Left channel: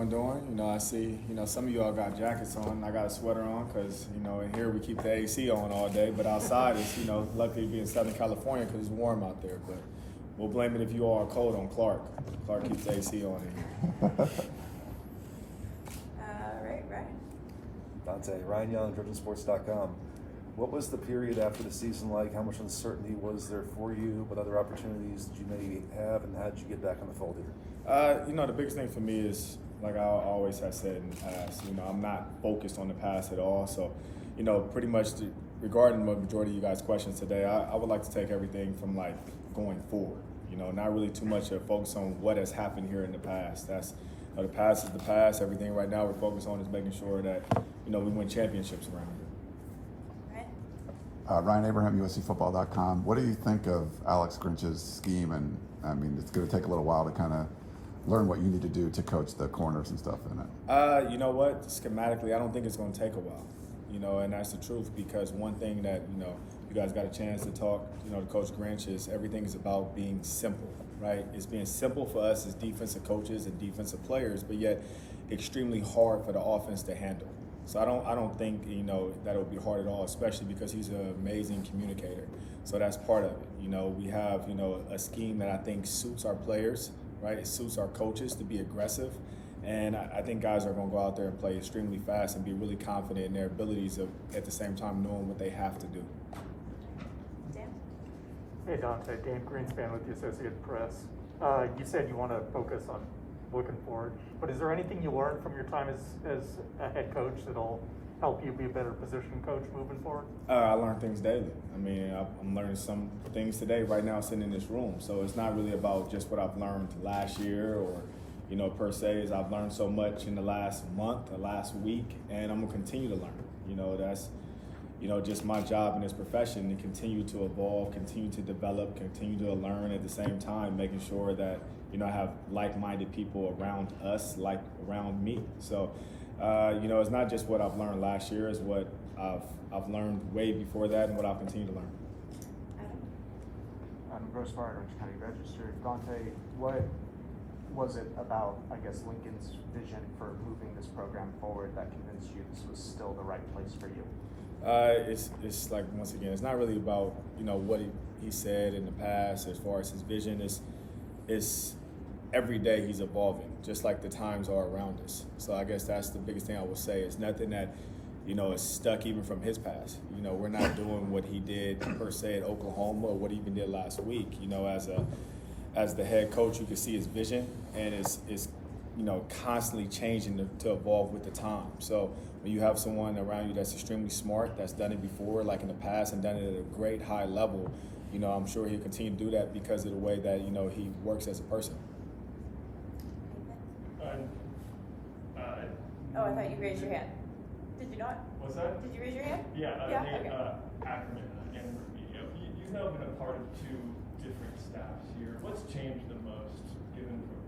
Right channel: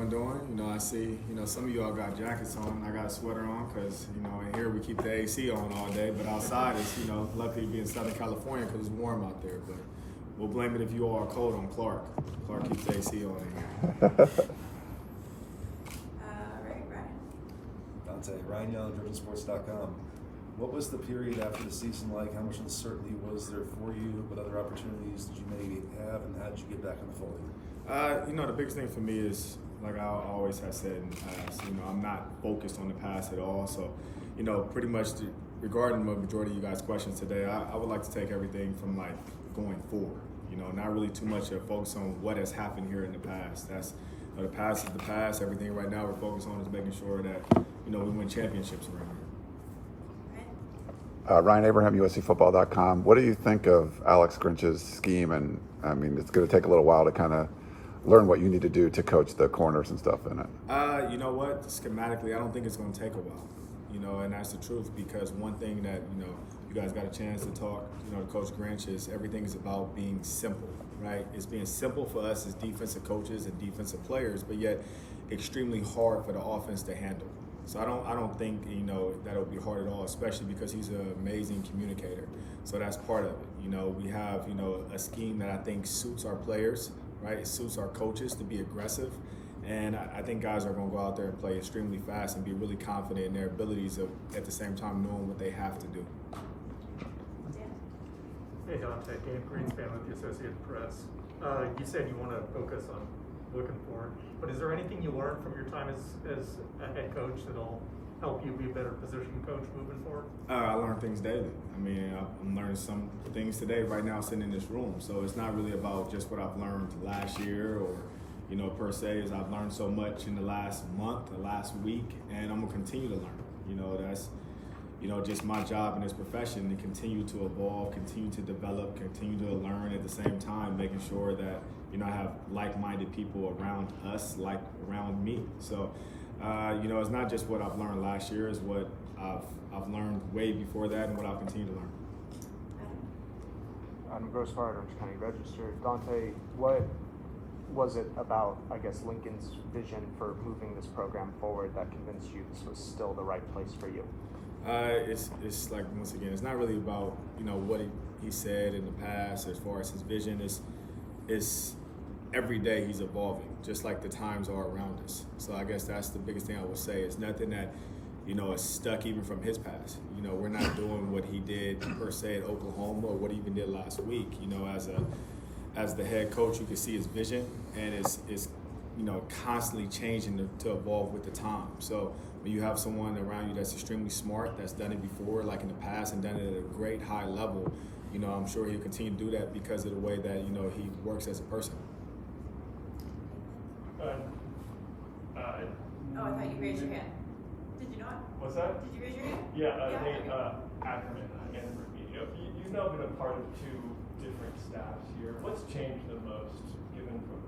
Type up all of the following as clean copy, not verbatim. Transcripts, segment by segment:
everyone doing? I see, some of y'all got jackets on. I got a sweater on because, in here we keep the AC on all day. But outside, it's, luckily be in Southern California because it's warm out there. But we'll blame it if you all are cold on Clark. Clark keeps the AC on in here. Ryan. Donte, Ryan Young, DrivenSports.com. What was the period after the season like? How much uncertainty was there for you? What other opportunities did you maybe have, and how did you get back in the fold here? The biggest thing for me is, like I always have said in the past, I'm not focused on the past at all. So, pretty much regarding the majority of you guys' questions today, I would like to take everything from like going forward. Not really too much of focus on what has happened here in the past. That's the past is the past. Everything right now we're focused on is making sure that we win championships around here. Ryan Abraham, USCFootball.com. What do you think of Alex Grinch's scheme? And I mean, it's going to take a little while to kind of learn what you need to do to coach the corners and stuff in it. You know what? Schematically, I don't think it's going to take a while. And that's the truth, because one thing that, you guys got a chance to talk, to Coach Grinch, is everything is about being simple, right? It's being simple for us as defensive coaches and defensive players, but yet extremely hard for the offense to handle. So I don't think, that it would be hard at all, especially because he's an amazing communicator. So that's part of it. We have, a scheme that I think suits our players, right? It suits our coaches to be aggressive. And I think guys are going to go out there and play extremely fast and be really confident in their abilities of, at the same time, knowing what they have to do. Dan? Hey, Donte. Dan Greenspan with the Associated Press. You said you want to focus on looking forward, but is there anything you learned from your time as a head coach that'll help you be a better position coach moving forward? I learn things daily. I'm learning some things today right now sitting in this room. So it's not really about just what I've learned last year or, per se, as I've learned so much in the last month, the last week, and I'm gonna continue to learn. That's, just my job in this profession, to continue to evolve, continue to develop, continue to learn at the same time, making sure that, I have like-minded people around us, like around me. So, it's not just what I've learned last year, it's what I've learned way before that and what I'll continue to learn. I'm Gross Fire, Orange County Register. Donte, what was it about, Lincoln's vision for moving this program forward that convinced you this was still the right place for you? It's like, once again, it's not really about, what he said in the past as far as his vision. It's every day he's evolving, just like the times are around us. So I guess that's the biggest thing I would say. It's nothing that, is stuck even from his past. We're not doing what he did per se at Oklahoma or what he even did last week. As the head coach, you can see his vision, and it's constantly changing to evolve with the time. So when you have someone around you that's extremely smart, that's done it before, like in the past, and done it at a great high level, I'm sure he'll continue to do that because of the way that, he works as a person. I thought you raised your hand. Did you not? What's that? Did you raise your hand? Ackerman and Ruby. You've now been a part of two different staffs here. What's changed the most, given from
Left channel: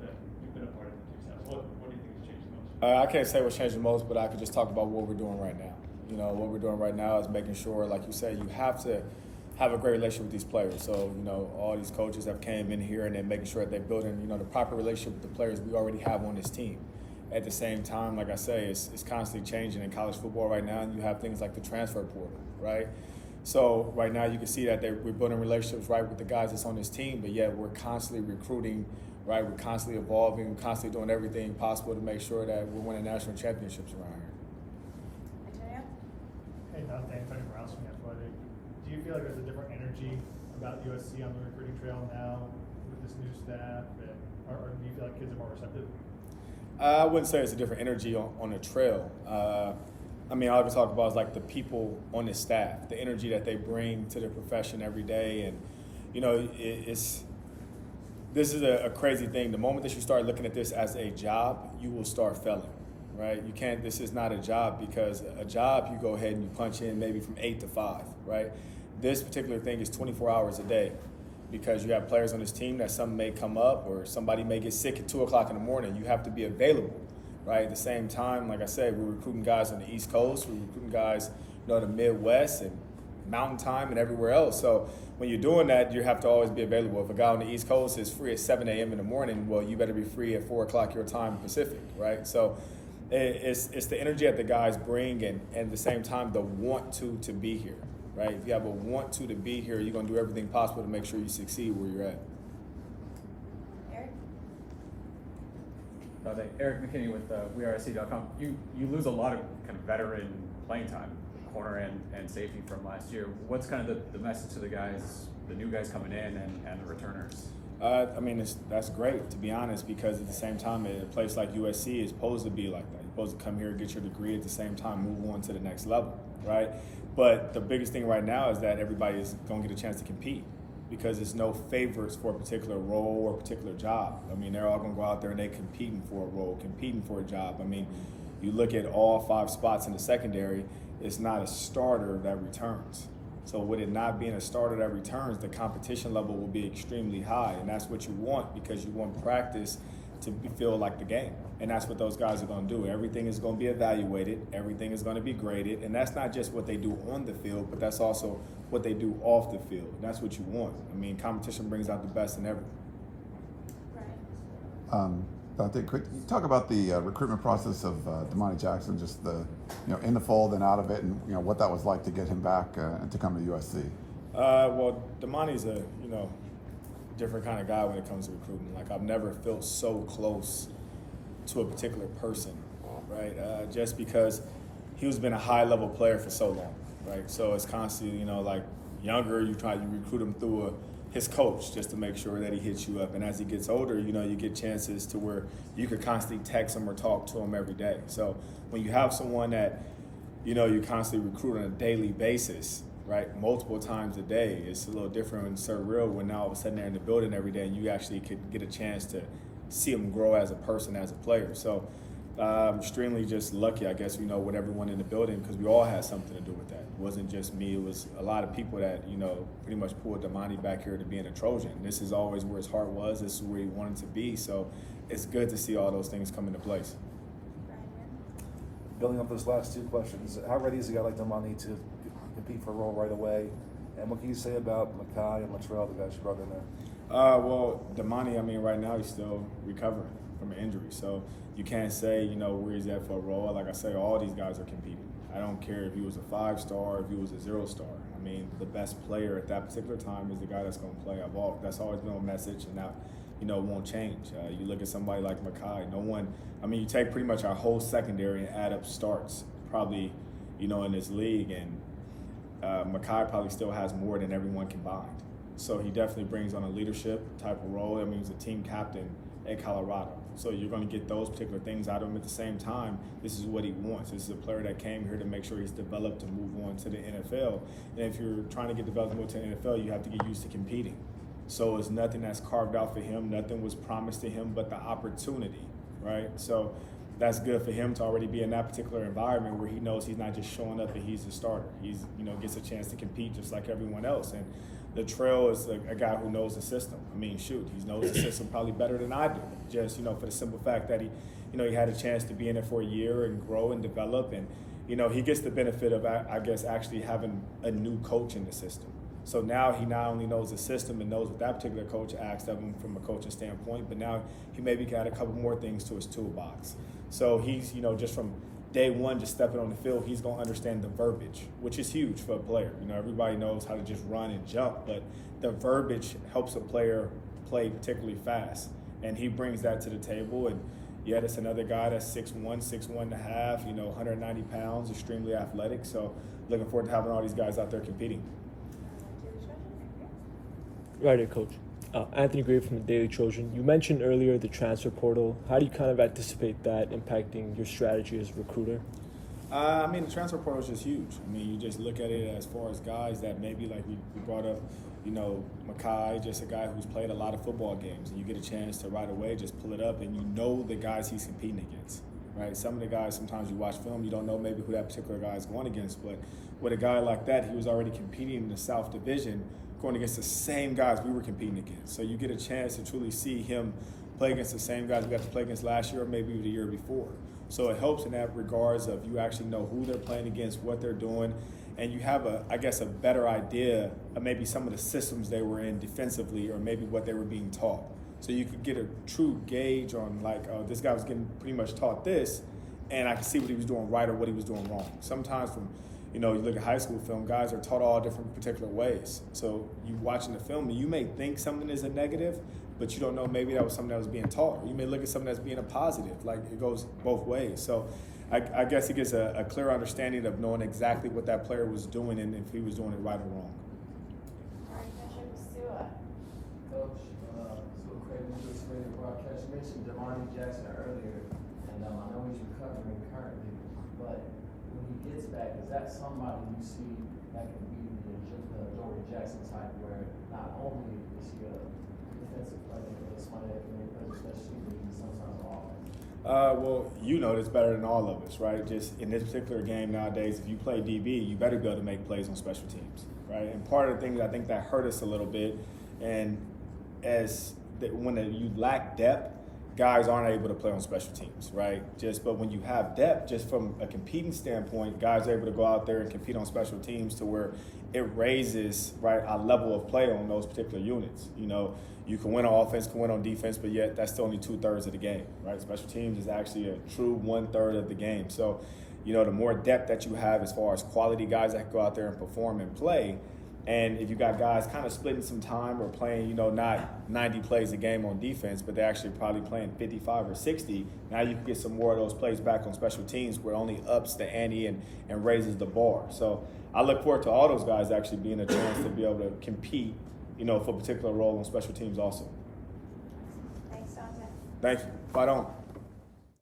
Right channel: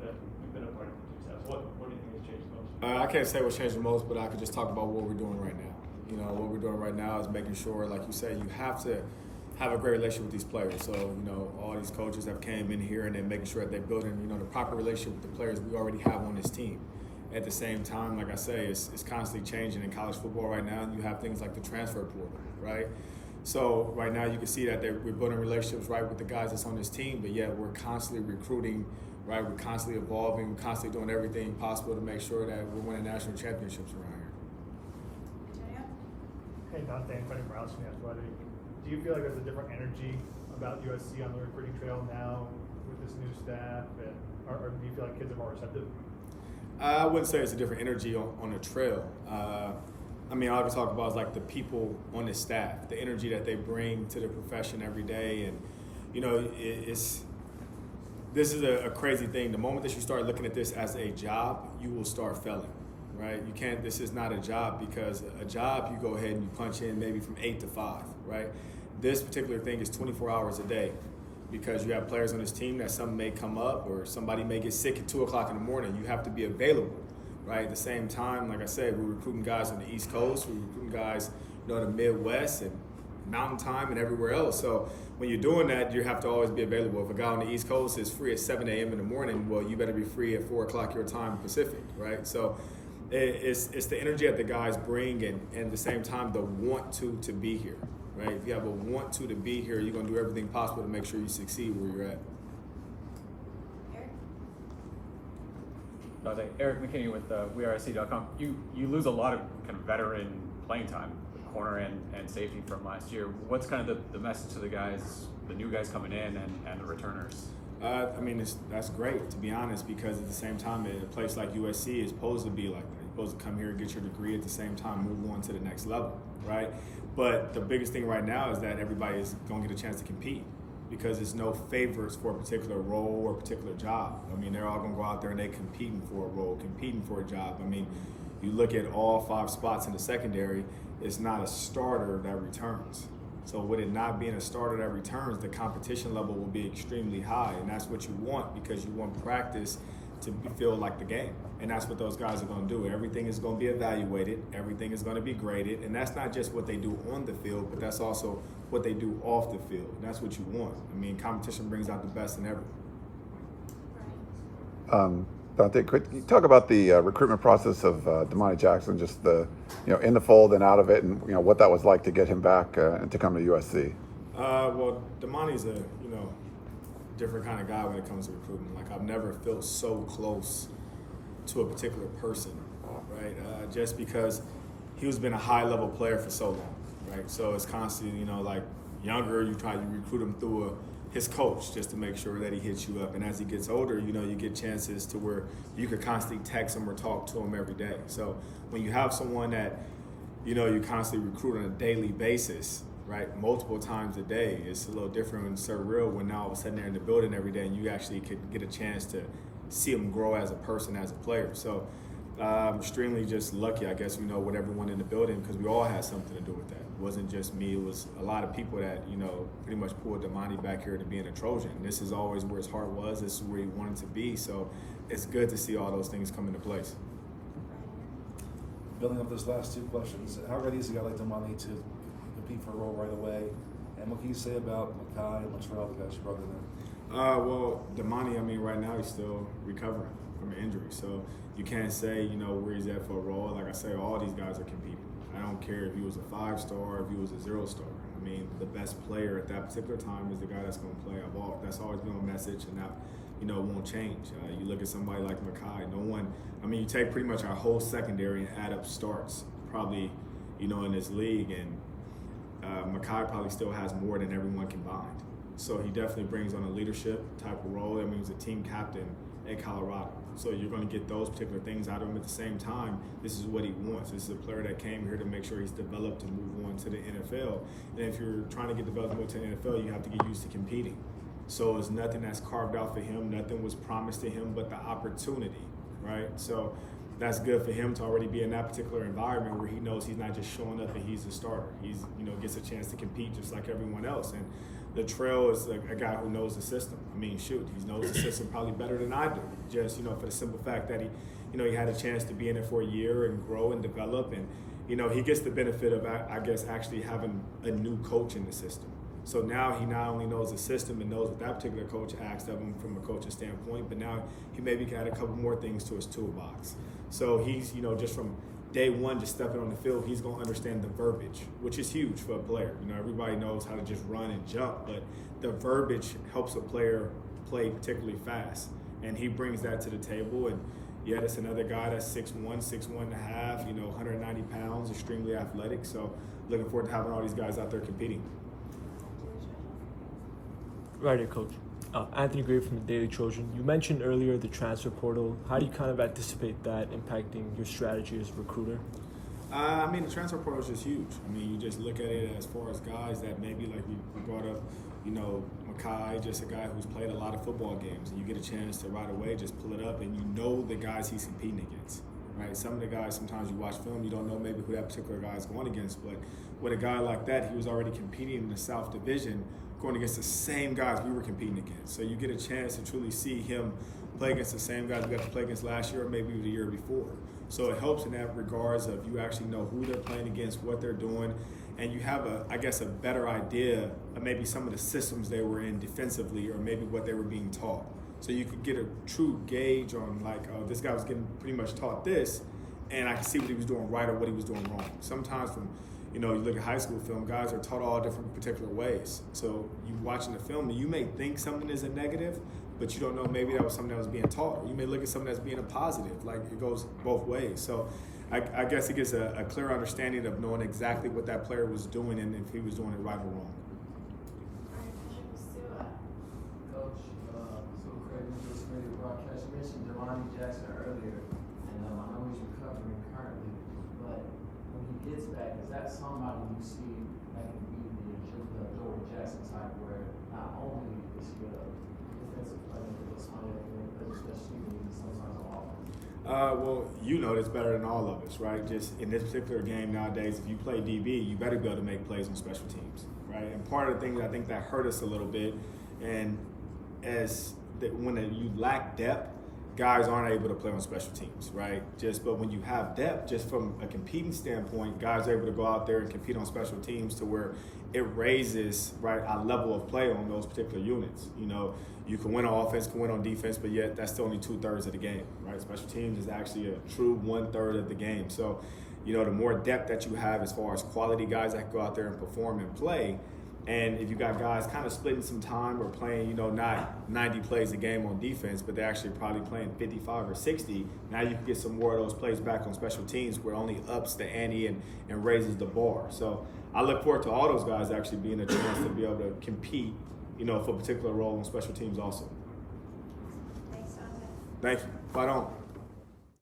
that you've been a part of the two staffs? What do you think has changed the most? I can't say what's changed the most, but I could just talk about what we're doing right now. What we're doing right now is making sure, like you say, you have to have a great relationship with these players. So, all these coaches have came in here and they're making sure that they're building, the proper relationship with the players we already have on this team. At the same time, like I say, it's constantly changing in college football right now. You have things like the transfer portal, right? So right now you can see that we're building relationships, right, with the guys that's on this team, but yet we're constantly recruiting, right? We're constantly evolving, we're constantly doing everything possible to make sure that we're winning national championships around here. Hey, Donte, anybody from the Athletic. Do you feel like there's a different energy about USC on the recruiting trail now with this new staff, or do you feel like kids are more receptive? I wouldn't say it's a different energy on the trail. All I can talk about is like the people on the staff, the energy that they bring to the profession every day. And, this is a crazy thing. The moment that you start looking at this as a job, you will start failing, right? This is not a job, because a job, you go ahead and you punch in maybe from 8 to 5, right? This particular thing is 24 hours a day, because you have players on this team that something may come up or somebody may get sick at 2 o'clock in the morning. You have to be available, right? At the same time, like I said, we're recruiting guys on the East Coast, we're recruiting guys, the Midwest, and Mountain Time and everywhere else. So when you're doing that, you have to always be available. If a guy on the East Coast is free at 7 a.m. in the morning, well, you better be free at 4 o'clock your time Pacific, right? So it's the energy that the guys bring, and at the same time, the want to be here, right? If you have a want to be here, you're going to do everything possible to make sure you succeed where you're at. Eric? Eric McKinney with WeAreSC.com. You lose a lot of kind of veteran playing time, corner and safety from last year. What's kind of the message to the guys, the new guys coming in and the returners? I mean, that's great, to be honest, because at the same time, a place like USC is supposed to be like that. You're supposed to come here and get your degree, at the same time move on to the next level, right? But the biggest thing right now is that everybody is going to get a chance to compete, because there's no favorites for a particular role or a particular job. I mean, they're all going to go out there and they're competing for a role, competing for a job. I mean, you look at all 5 spots in the secondary, it's not a starter that returns. So with it not being a starter that returns, the competition level will be extremely high, and that's what you want, because you want practice to feel like the game. And that's what those guys are going to do. Everything is going to be evaluated, everything is going to be graded, and that's not just what they do on the field, but that's also what they do off the field. And that's what you want. I mean, competition brings out the best in everyone. Donte, could you talk about the recruitment process of Damani Jackson, just the, in the fold and out of it, and what that was like to get him back and to come to USC? Well, Damani's a different kind of guy when it comes to recruiting. Like, I've never felt so close to a particular person, right? Just because he's been a high-level player for so long, right? So it's constantly, like younger, you try to recruit him through his coach just to make sure that he hits you up. And as he gets older, you get chances to where you could constantly text him or talk to him every day. So when you have someone that, you constantly recruit on a daily basis, right, multiple times a day, it's a little different and surreal when now all of a sudden they're in the building every day and you actually could get a chance to see him grow as a person, as a player. So I'm extremely just lucky, I guess, with everyone in the building, because we all had something to do with that. It wasn't just me, it was a lot of people that, pretty much pulled Damani back here to being a Trojan. This is always where his heart was, this is where he wanted to be, so it's good to see all those things come into place. Building up those last 2 questions, how ready is a guy like Damani to compete for a role right away? And what can you say about Makai and Latrell, the guys you brought in there? Well, Damani, right now he's still recovering from an injury, so you can't say, where he's at for a role. Like I say, all these guys are competing. I don't care if he was a 5-star, if he was a 0-star. The best player at that particular time is the guy that's going to play. That's always been a message, and that, won't change. You look at somebody like Makai, no one, you take pretty much our whole secondary and add up starts, probably, in this league, and Makai probably still has more than everyone combined. So he definitely brings on a leadership type of role. He was a team captain at Colorado. So you're going to get those particular things out of him. At the same time, this is what he wants. This is a player that came here to make sure he's developed to move on to the NFL. And if you're trying to get developed to move to the NFL, you have to get used to competing. So it's nothing that's carved out for him. Nothing was promised to him but the opportunity, right? So that's good for him to already be in that particular environment where he knows he's not just showing up and he's a starter. He's, gets a chance to compete just like everyone else. And Latrell is a guy who knows the system. He knows the system probably better than I do. Just, for the simple fact that he had a chance to be in it for a year and grow and develop. And, he gets the benefit of, I guess, actually having a new coach in the system. So now he not only knows the system and knows what that particular coach asked of him from a coaching standpoint, but now he maybe got a couple more things to his toolbox. So he's, just from day one, just stepping on the field, he's going to understand the verbiage, which is huge for a player. Everybody knows how to just run and jump, but the verbiage helps a player play particularly fast. And he brings that to the table. And yeah, that's another guy that's 6'1", 6'1.5", 190 pounds, extremely athletic. So looking forward to having all these guys out there competing. Right here, Coach. Anthony Gray from the Daily Trojan. You mentioned earlier the transfer portal. How do you kind of anticipate that impacting your strategy as a recruiter? The transfer portal is just huge. You just look at it as far as guys that maybe, like we brought up, Makai, just a guy who's played a lot of football games, and you get a chance to right away just pull it up, and the guys he's competing against, right? Some of the guys, sometimes you watch film, you don't know maybe who that particular guy is going against, but with a guy like that, he was already competing in the South Division, going against the same guys we were competing against. So you get a chance to truly see him play against the same guys we got to play against last year or maybe the year before. So it helps in that regards of you actually know who they're playing against, what they're doing, and you have I guess a better idea of maybe some of the systems they were in defensively, or maybe what they were being taught. So you could get a true gauge on like, oh, this guy was getting pretty much taught this, and I could see what he was doing right or what he was doing wrong. Sometimes from, you look at high school film, guys are taught all different particular ways. So you watching the film, and you may think something is a negative, but you don't know maybe that was something that was being taught. Or you may look at something that's being a positive. Like, it goes both ways. So I guess it gives a clear understanding of knowing exactly what that player was doing and if he was doing it right or wrong. Coach, so Craig, you just made a broadcast. You mentioned Damani Jackson earlier, and I know he's recovering currently, but when he gets back, is that somebody you see that can be the Donte Jackson type, where not only is he a defensive player, but somebody that can play especially sometimes on offense? Well, this better than all of us, right? Just in this particular game nowadays, if you play DB, you better be able to make plays on special teams, right? And part of the thing I think that hurt us a little bit, and when you lack depth, guys aren't able to play on special teams, right? But when you have depth, just from a competing standpoint, guys are able to go out there and compete on special teams to where it raises, right, our level of play on those particular units. You can win on offense, can win on defense, but yet that's still only 2/3 of the game, right? Special teams is actually a true 1/3 of the game. So, the more depth that you have as far as quality guys that can go out there and perform and play, and if you got guys kind of splitting some time or playing, not 90 plays a game on defense, but they're actually probably playing 55 or 60, now you can get some more of those plays back on special teams where it only ups the ante and raises the bar. So I look forward to all those guys actually being a chance to be able to compete, for a particular role on special teams also. Thanks, Donte. Thank you. Fight on.